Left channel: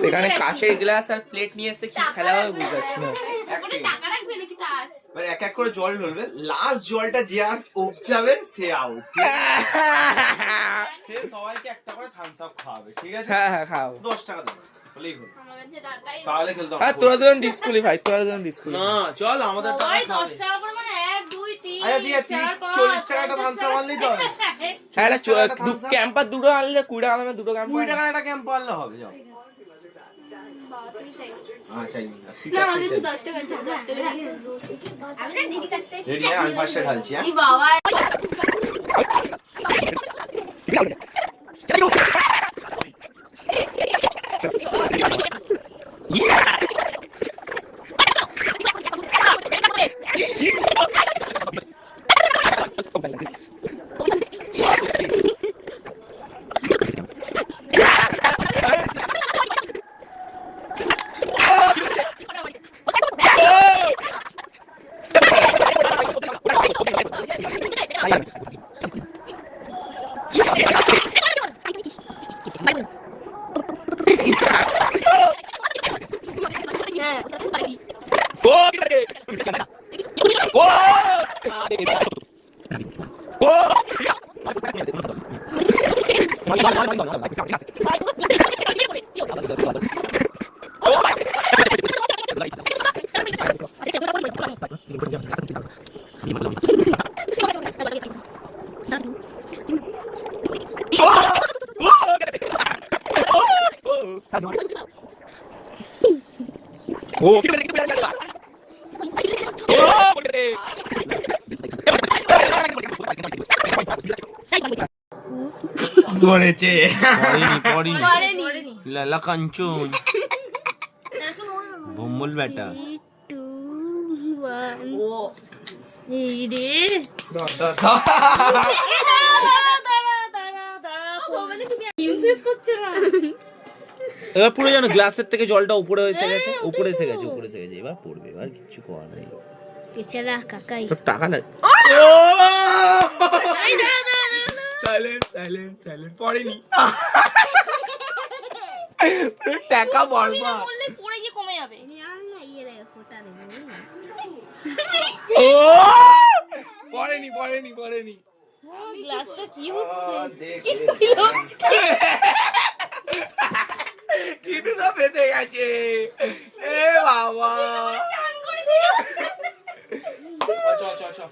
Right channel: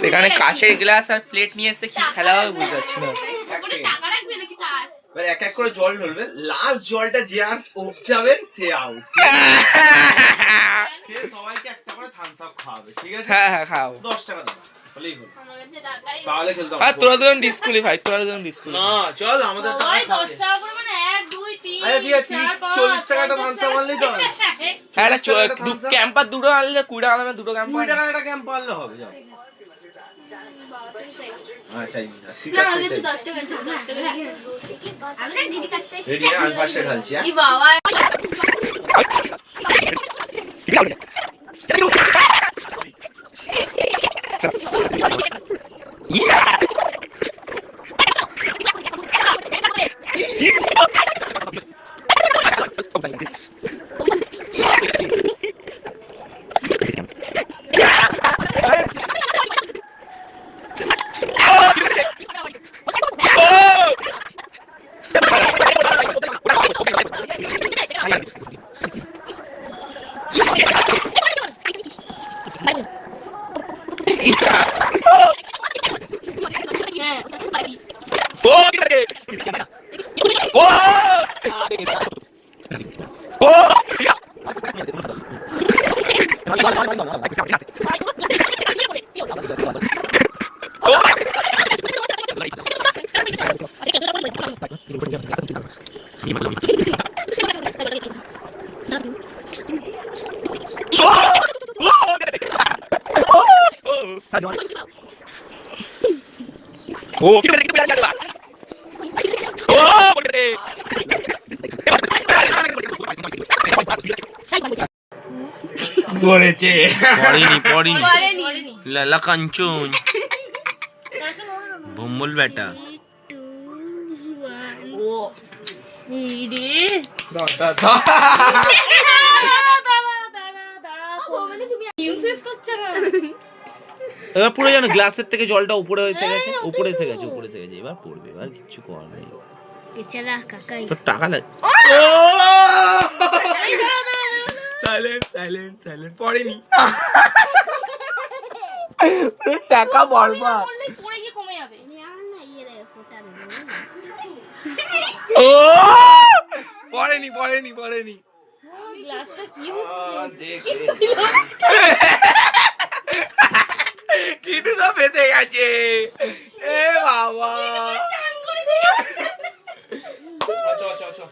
সেখানে কাঁচের গ্লাস আর প্লেট নিয়ে এসে কি খেলা হবে বুঝতে পারছি না। এক এক করে জল ঢলবে, লাস্ট জলটা যে আর উপজাবে সে আউট। সে সবাইকে একটা করে থামস আপ খাওয়াবে, ঠিক আছে? হ্যাঁ হ্যাঁ খাও। 10 টাকা দাও বলেই হলো, তাহলে খেলতাম। আর তোরা দুজন ডিসকুয়ালিফাই, তোরা দুজন ডিসকুয়ালিফাই। না চল আমাদের টাকা 10 টাকা করে মানে 1 2 3 আচ্ছা ঠিক আছে, 30-40 টাকাটা থামস আপ আনলেই তো হবে। হ্যাঁ ক্যাম্পার দুটো আনলে 20 টাকা দামে দুটো ক্যাম্পার। 20 টাকার একটা ক্যাম্প আনলে হবে, যাও। আচ্ছা ঠিক না আছে, আমাদের 10 টাকা আছে, 10 টাকা আমাদের দিদি কাছ থেকে রেডি? আমি পাশে ঢালছি। হ্যাঁ এই বাবা করেছে। পড়িনি লালা কাঞ্চন ভম্বল বেটা। এবার পুরো যেন গ্লাসের থেকে জলটা উপরে এসে গেছে, উপরে এসে গেছে। এবার পড়বে, এবার কিচ্ছু করার নেই। তোর টাকা লাগে। সাইলেন্ট পড়েনি। টাকা বরবাদ। পড়ে গিয়ে কমে যাবে। ও পড়েনি। গ্লাসটা কি হচ্ছে? কিটু তো ফেসে গেছে। এ বাবা আচ্ছা